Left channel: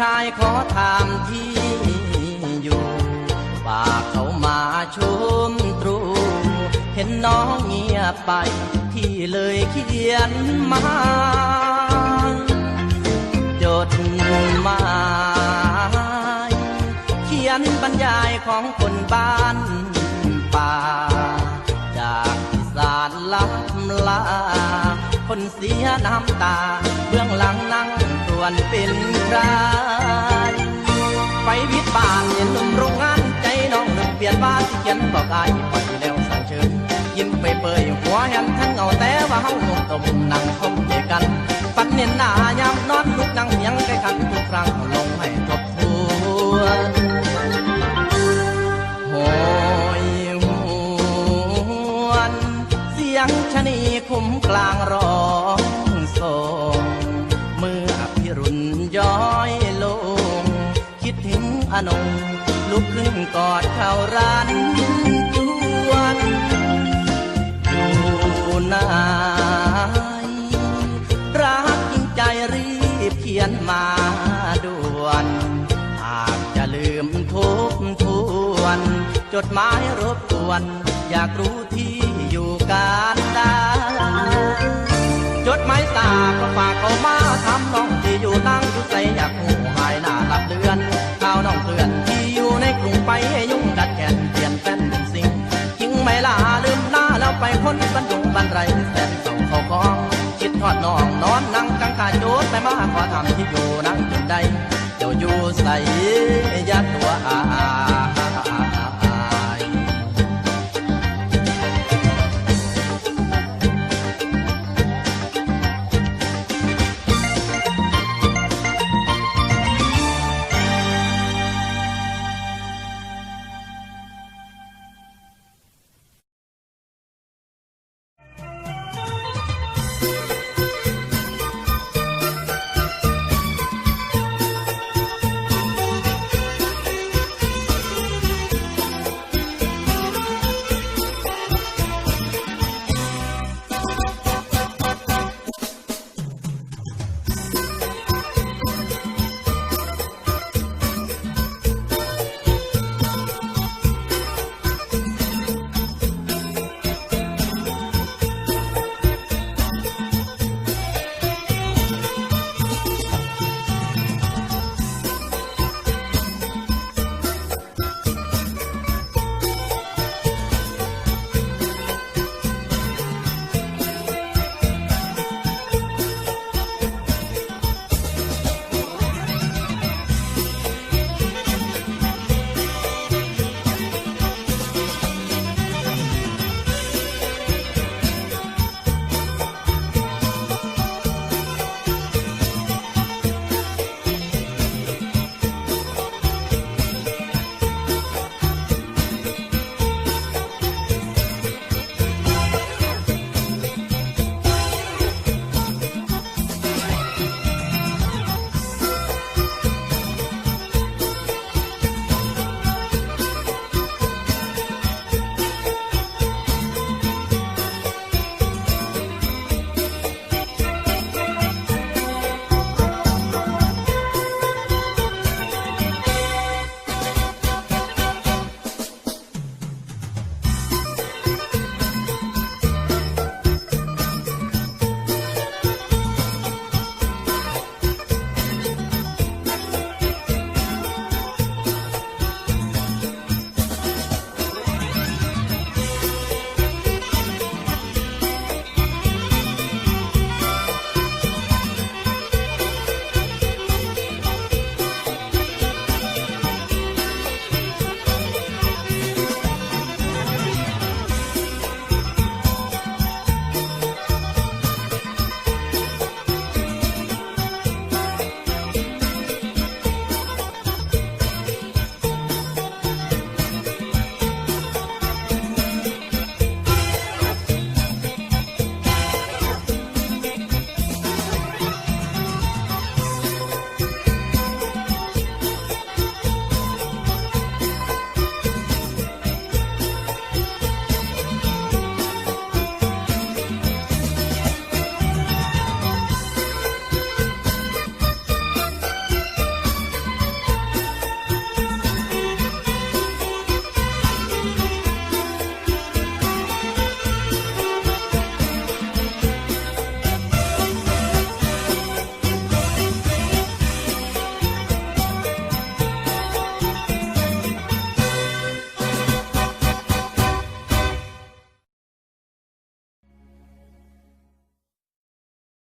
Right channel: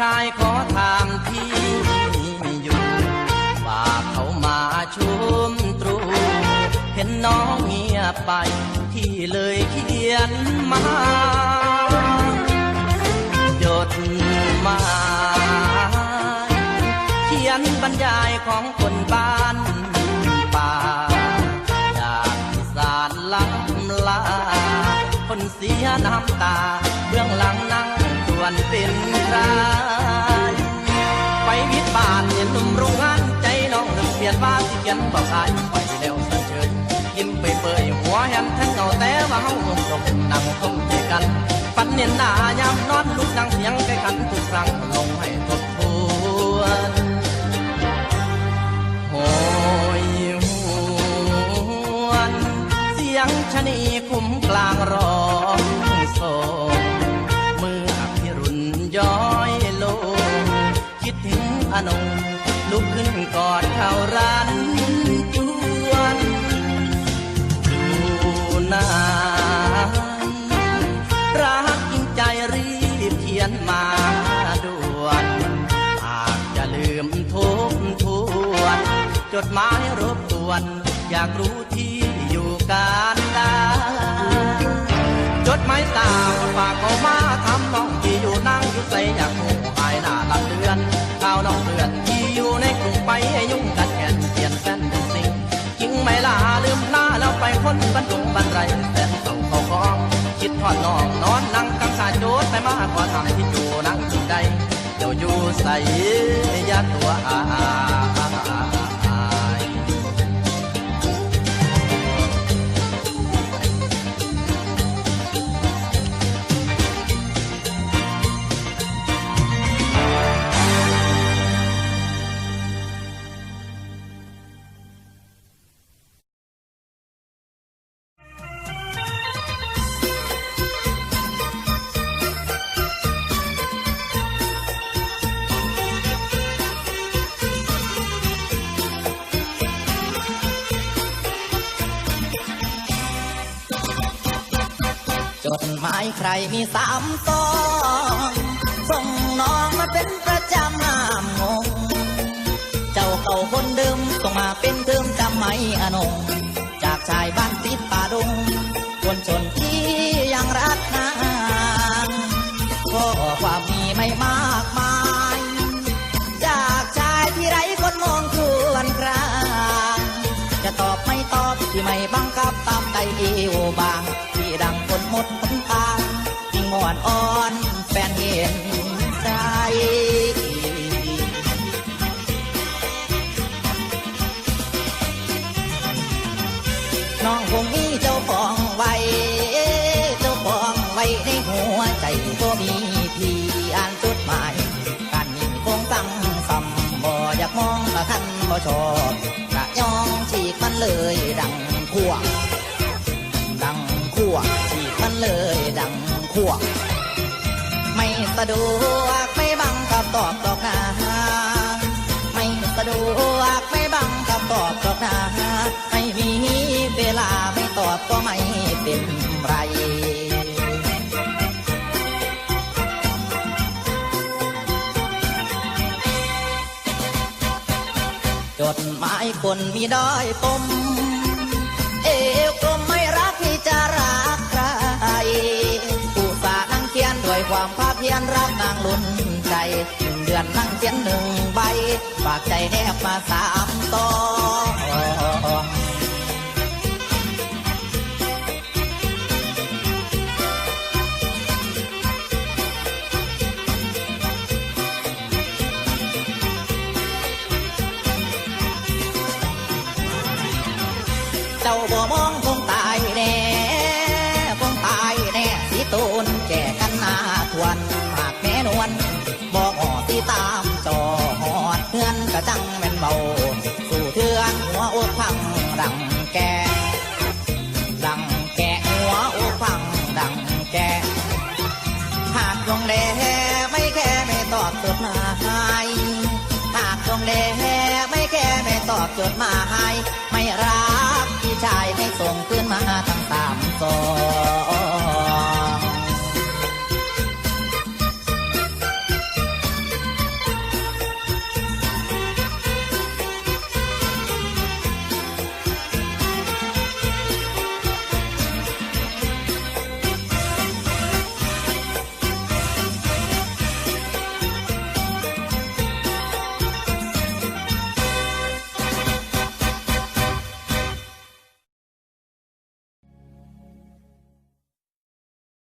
ชายขอถามที่อยู่ว่าเขามาชุมตรู เห็นน้องเงียบไป พี่เลยเขียนมาจดหมายเขียนบรรยายของคนบ้านป่า จากอีสานลับลา คนเสียน้ำตา เบื้องหลังนั่ง วนเป็นใครไปวิทย์บ้านเห็นหนุ่มโรงงานใจน้องหนึ่งเปลี่ยนบ้านที่เขียนบอกอายไปแล้วสันเชิญยิ้มไปเปยหัวแหมทั้งเงาแต่ว่าเฮาหมดมนั่งคมเจกัน ปันเนียนหน้ายามนอนลุกนั่งเสียงใกล้ขันทุกครั้งลงให้ทบทวนโหยหวนเสียงชะนีคุ้มกลางร้องส่ง นง ลุกขึ้นกอดเขารันจวนอยู่ไหนรักจริงใจรีบเขียนมาด่วนหากจะลืมทบทวน จดหมายรบกวน อยากรู้ที่อยู่การดาจดหมายตาก็ฝากเขามาทำน้องที่อยู่นั่งอยู่ใจอยากหูหายหน้าลับเดือนาวน้องเตือนที่อยู่ในกรุงไปให้ยุ่งกัดแกนเปลี่ยนแฟนเป็นสิ่งยิงไม่ลาลืมหน้าแล้วไปคนบันดุงบันไรแสนเศร้าเขาคองคิดทอดน้องนอนนั่งกังขาโจดไปมาขอทำที่อยู่นั่งจุนใดเดี๋ยวอยู่ใส่ยาตัวอาายคนมีด้อยปม Cowboy.